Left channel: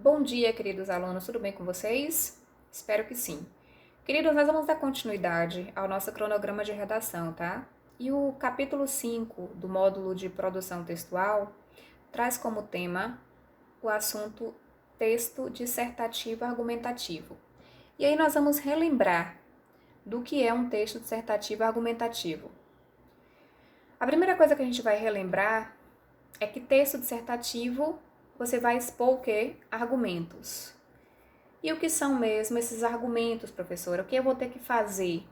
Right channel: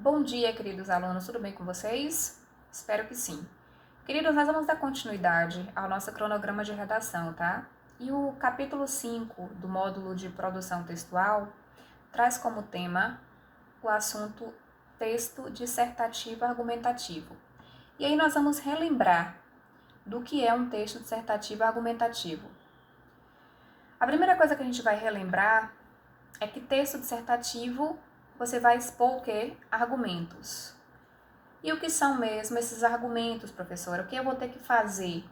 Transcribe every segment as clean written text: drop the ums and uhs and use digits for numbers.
Bom dia, queridos alunos, tudo bem com vocês? Espero que sim. Queridos, nós vamos dar continuidade ao nosso cronograma de redação, tá? E o capítulo 5 do módulo de produção textual traz como tema o assunto texto dissertativo argumentativo. E aí nós vamos relembrar do que é um texto dissertativo argumentativo. A primeira coisa que a gente vai relembrar é que texto dissertativo você vai expor o quê? Argumentos. E o que são mesmo esses argumentos, professora? O que eu vou ter que fazer?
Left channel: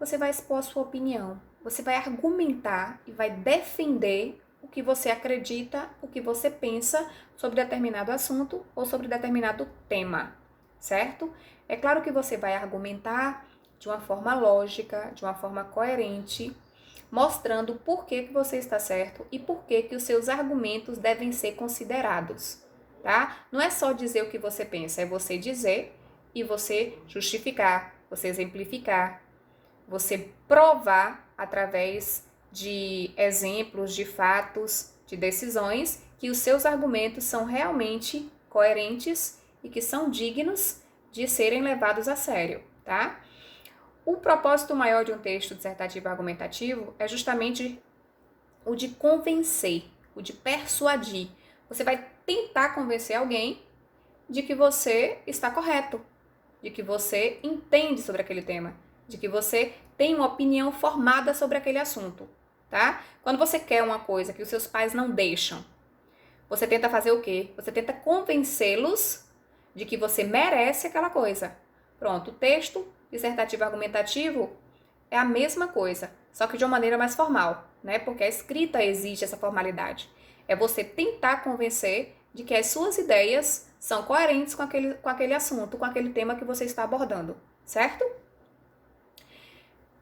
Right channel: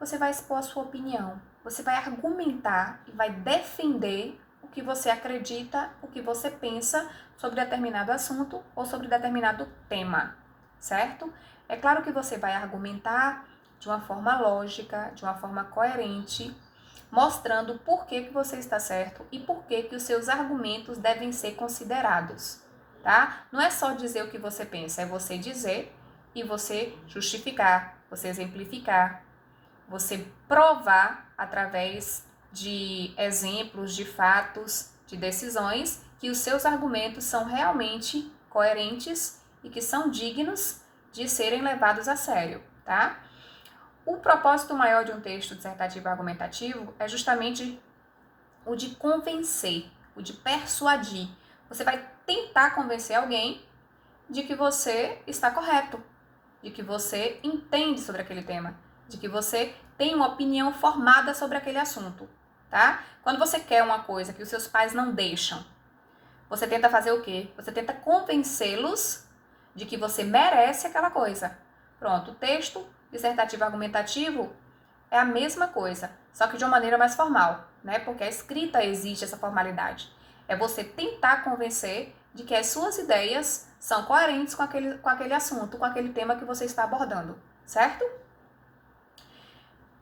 Você vai expor a sua opinião. Você vai argumentar e vai defender o que você acredita, o que você pensa sobre determinado assunto ou sobre determinado tema, certo? É claro que você vai argumentar de uma forma lógica, de uma forma coerente, mostrando por que você está certo e por que os seus argumentos devem ser considerados, tá? Não é só dizer o que você pensa, é você dizer e você justificar, você exemplificar, você provar através de exemplos, de fatos, de decisões, que os seus argumentos são realmente coerentes e que são dignos de serem levados a sério, tá? O propósito maior de um texto dissertativo argumentativo é justamente o de convencer, o de persuadir. Você vai tentar convencer alguém de que você está correto, de que você entende sobre aquele tema, de que você tem uma opinião formada sobre aquele assunto, tá? Quando você quer uma coisa que os seus pais não deixam, você tenta fazer o quê? Você tenta convencê-los de que você merece aquela coisa. Pronto, o texto dissertativo argumentativo é a mesma coisa, só que de uma maneira mais formal, né? Porque a escrita exige essa formalidade. É você tentar convencer de que as suas ideias são coerentes com aquele assunto, com aquele tema que você está abordando, certo?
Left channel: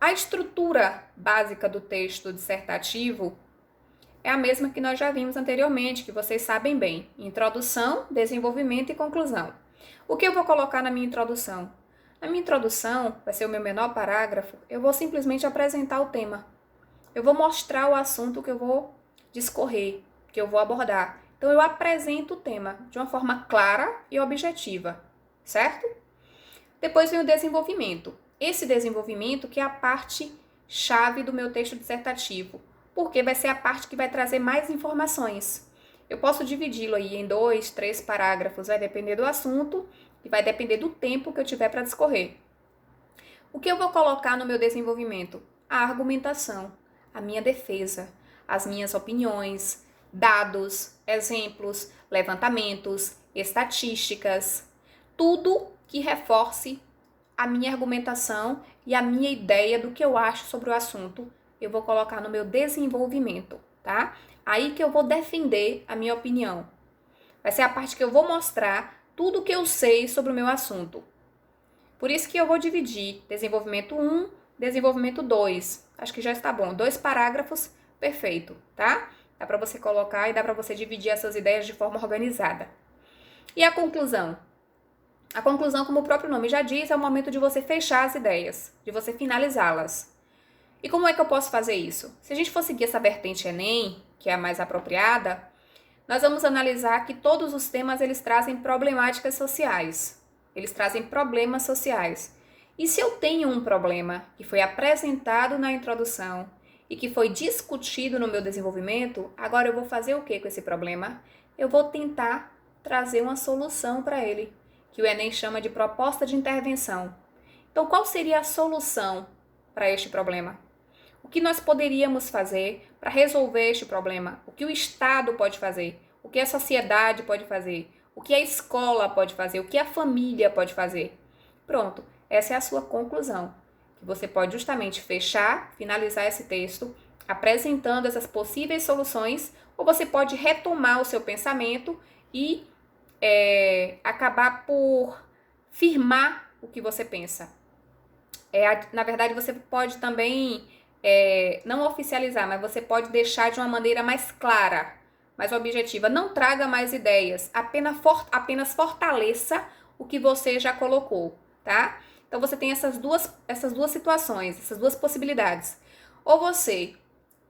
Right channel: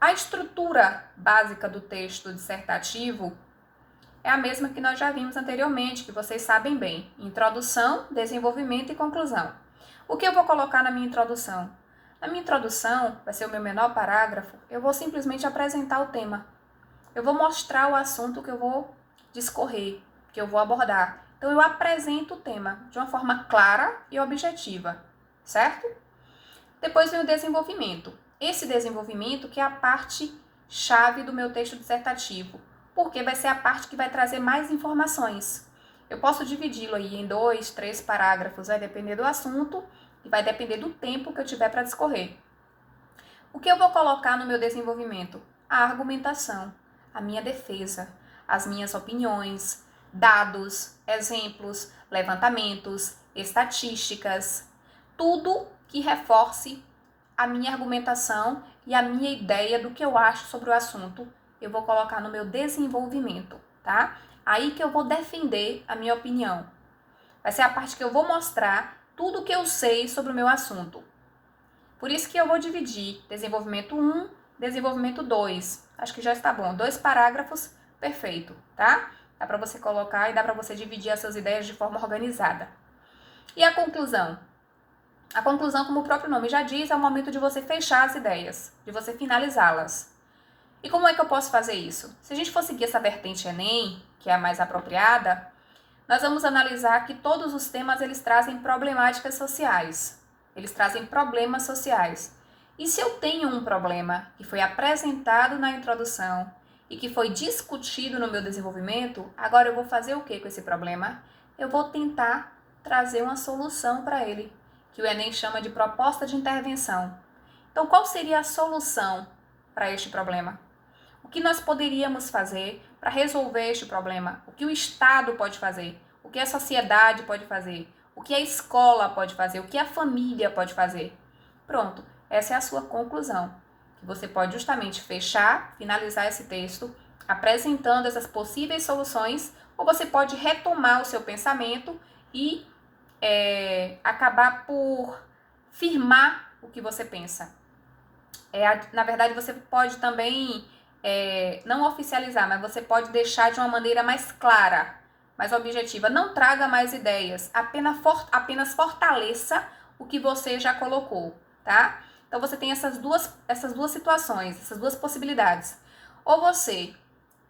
A estrutura básica do texto dissertativo é a mesma que nós já vimos anteriormente, que vocês sabem bem: introdução, desenvolvimento e conclusão. O que eu vou colocar na minha introdução? Na minha introdução, vai ser o meu menor parágrafo, eu vou simplesmente apresentar o tema. Eu vou mostrar o assunto que eu vou discorrer, que eu vou abordar. Então, eu apresento o tema de uma forma clara e objetiva, certo? Depois vem o desenvolvimento. Esse desenvolvimento que é a parte chave do meu texto dissertativo, porque vai ser a parte que vai trazer mais informações. Eu posso dividi-lo aí em 2, 3 parágrafos, vai depender do assunto e vai depender do tempo que eu tiver para discorrer. O que eu vou colocar no meu desenvolvimento? A argumentação, a minha defesa, as minhas opiniões, dados, exemplos, levantamentos, estatísticas, tudo que reforce a minha argumentação e a minha ideia do que eu acho sobre o assunto, eu vou colocar no meu desenvolvimento, tá? Aí que eu vou defender a minha opinião. Vai ser a parte que eu vou mostrar tudo o que eu sei sobre o meu assunto. Por isso que eu vou dividir desenvolvimento 1, desenvolvimento 2. Acho que já está bom. 2 parágrafos, perfeito, tá? Dá para você colocar e dá para você dividir essas ideias de forma organizada. E a conclusão? A conclusão, como o próprio nome já diz, é o momento de você fechar as ideias, de você finalizá-las. E como é que eu posso fazer isso? Se a gente for seguir essa vertente Enem, que é a mais apropriada, nós vamos analisar que todos os temas eles trazem problemáticas sociais. Eles trazem problemas sociais. E se eu tenho um problema que foi apresentado na introdução e que foi discutido no meu desenvolvimento, agora eu vou fazer o que com esse problema? Eu vou tentar trazer uma solução para ele, que o Enem chama de proposta de intervenção. Então, qual seria a solução para este problema? O que nós poderíamos fazer para resolver este problema? O que o Estado pode fazer? O que a sociedade pode fazer? O que a escola pode fazer? O que a família pode fazer? Pronto, essa é a sua conclusão. Que você pode justamente fechar, finalizar esse texto, apresentando essas possíveis soluções, ou você pode retomar o seu pensamento e acabar por firmar o que você pensa. Na verdade, você pode também não oficializar, mas você pode deixar de uma maneira mais clara, mais objetiva. Não traga mais ideias, apenas fortaleça o que você já colocou, tá? Então, você tem essas duas situações, essas duas possibilidades. Ou você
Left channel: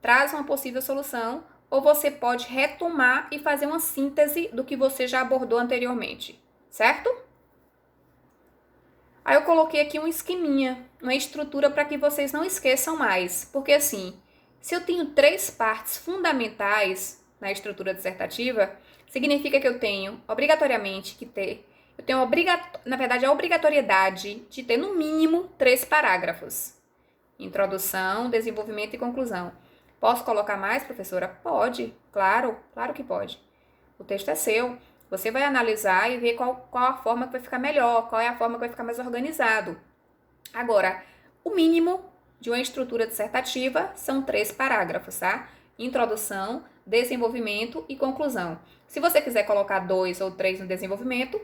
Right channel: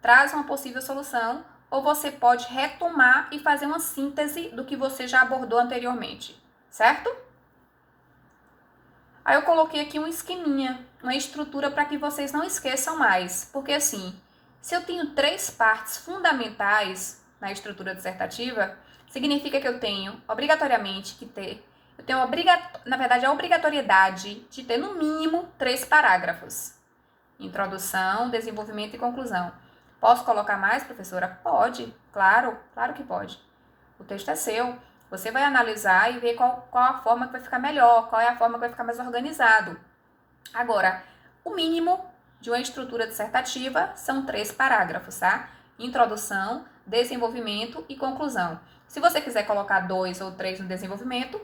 traz uma possível solução, ou você pode retomar e fazer uma síntese do que você já abordou anteriormente. certo? Aí eu coloquei aqui um esqueminha, uma estrutura para que vocês não esqueçam mais. Porque assim, se eu tenho 3 partes fundamentais na estrutura dissertativa, significa que eu tenho obrigatoriamente que ter, na verdade, a obrigatoriedade de ter no mínimo 3 parágrafos. Introdução, desenvolvimento e conclusão. Posso colocar mais, professora? Pode, claro, claro que pode. O texto é seu. Você vai analisar e ver qual a forma que vai ficar melhor, qual é a forma que vai ficar mais organizado. Agora, o mínimo de uma estrutura dissertativa são 3 parágrafos, tá? Introdução, desenvolvimento e conclusão. Se você quiser colocar 2 ou 3 no desenvolvimento,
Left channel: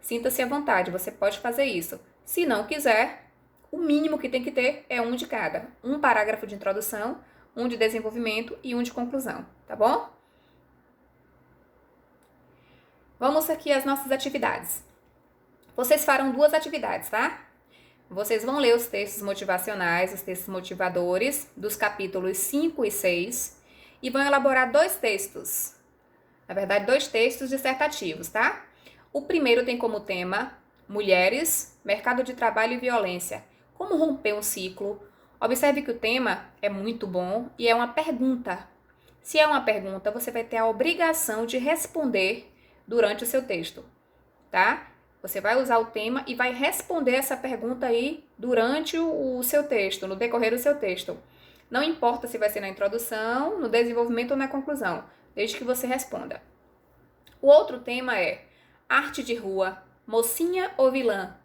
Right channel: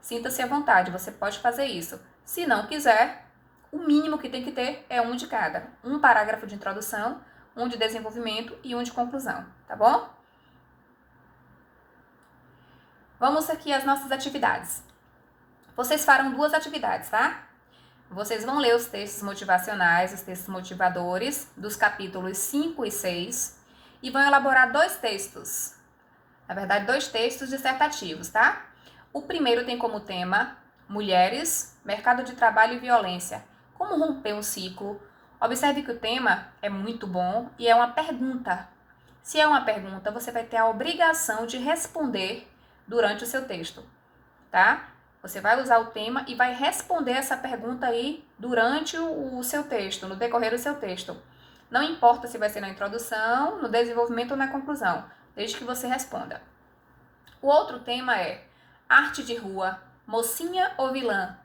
sinta-se à vontade, você pode fazer isso. Se não quiser, o mínimo que tem que ter é um de cada. Um parágrafo de introdução, um de desenvolvimento e um de conclusão, tá bom? Vamos aqui às nossas atividades. Vocês farão 2 atividades, tá? Vocês vão ler os textos motivacionais, os textos motivadores, dos capítulos 5 e 6, e vão elaborar 2 textos. Na verdade, 2 textos dissertativos, tá? O primeiro tem como tema Mulheres, Mercado de Trabalho e Violência. Como romper um ciclo? Observe que o tema é muito bom e é uma pergunta. Se é uma pergunta, você vai ter a obrigação de responder durante o seu texto, tá? Você vai usar o tema e vai responder essa pergunta aí durante o seu texto, no decorrer do seu texto. Não importa se vai ser na introdução, no desenvolvimento ou na conclusão, desde que você responda. O outro tema é arte de rua, mocinha ou vilã?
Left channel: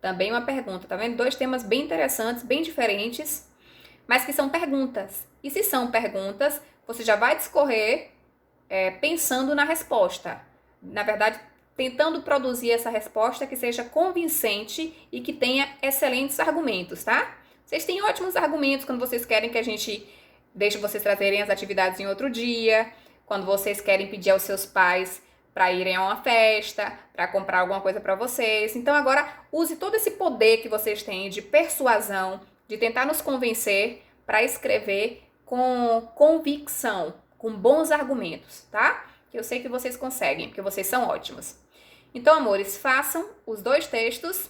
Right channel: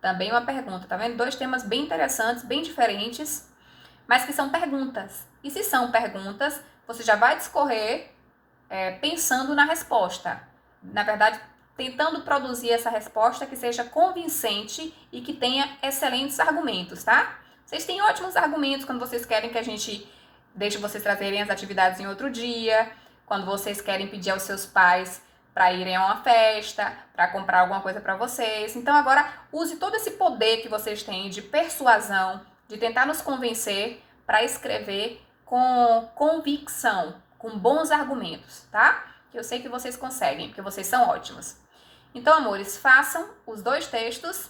Também uma pergunta, tá vendo? 2 temas bem interessantes, bem diferentes, mas que são perguntas. E se são perguntas, você já vai discorrer pensando na resposta. Na verdade, tentando produzir essa resposta que seja convincente e que tenha excelentes argumentos, tá? Vocês têm ótimos argumentos quando vocês querem que a gente deixe vocês trazerem as atividades em outro dia, quando vocês querem pedir aos seus pais para irem a uma festa, para comprar alguma coisa para vocês. Então agora use todo esse poder que vocês têm de persuasão, de tentar nos convencer para escrever com convicção, com bons argumentos, tá? Que eu sei que vocês conseguem, porque vocês são ótimos. Então, amores, façam os 2 textos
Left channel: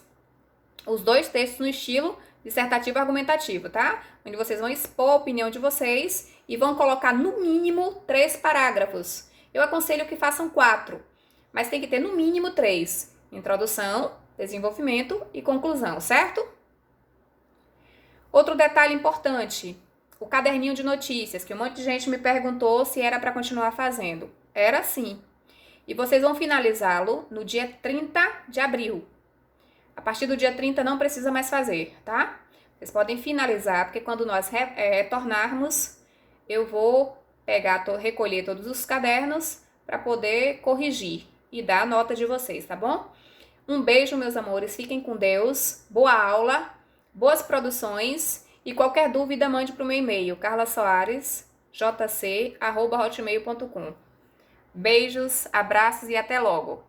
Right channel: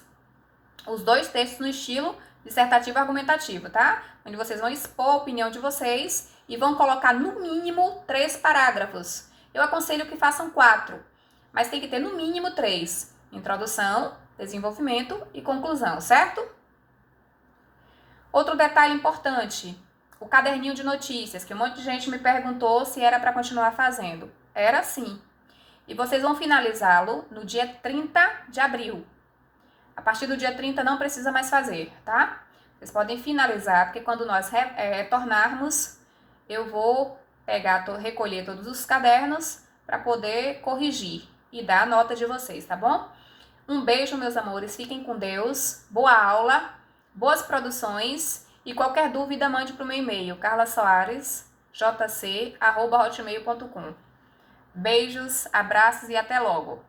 no estilo dissertativo argumentativo, tá? Onde vocês vão expor a opinião de vocês e vão colocar no mínimo 3 parágrafos. Eu aconselho que façam 4, mas tem que ter no mínimo 3. Introdução, desenvolvimento e conclusão, certo? Outro detalhe importante, o caderninho de notícias, que um monte de gente me perguntou se era para continuar fazendo. Era sim. E vocês vão finalizá-lo no dia 30 de abril. A partir do dia 30 não precisa mais fazer, tá? Vocês podem finalizar, porque quando nós retornarmos, eu vou recolher todos os cadernos para poder corrigir e dar a nota de vocês, tá bom? Um beijo, meus amores. Fiquem com Deus. Boa aula, boas produções. E qualquer dúvida, mande para o meu e-mail, carlasoares.jc@hotmail.com. Beijos, abraços e até logo!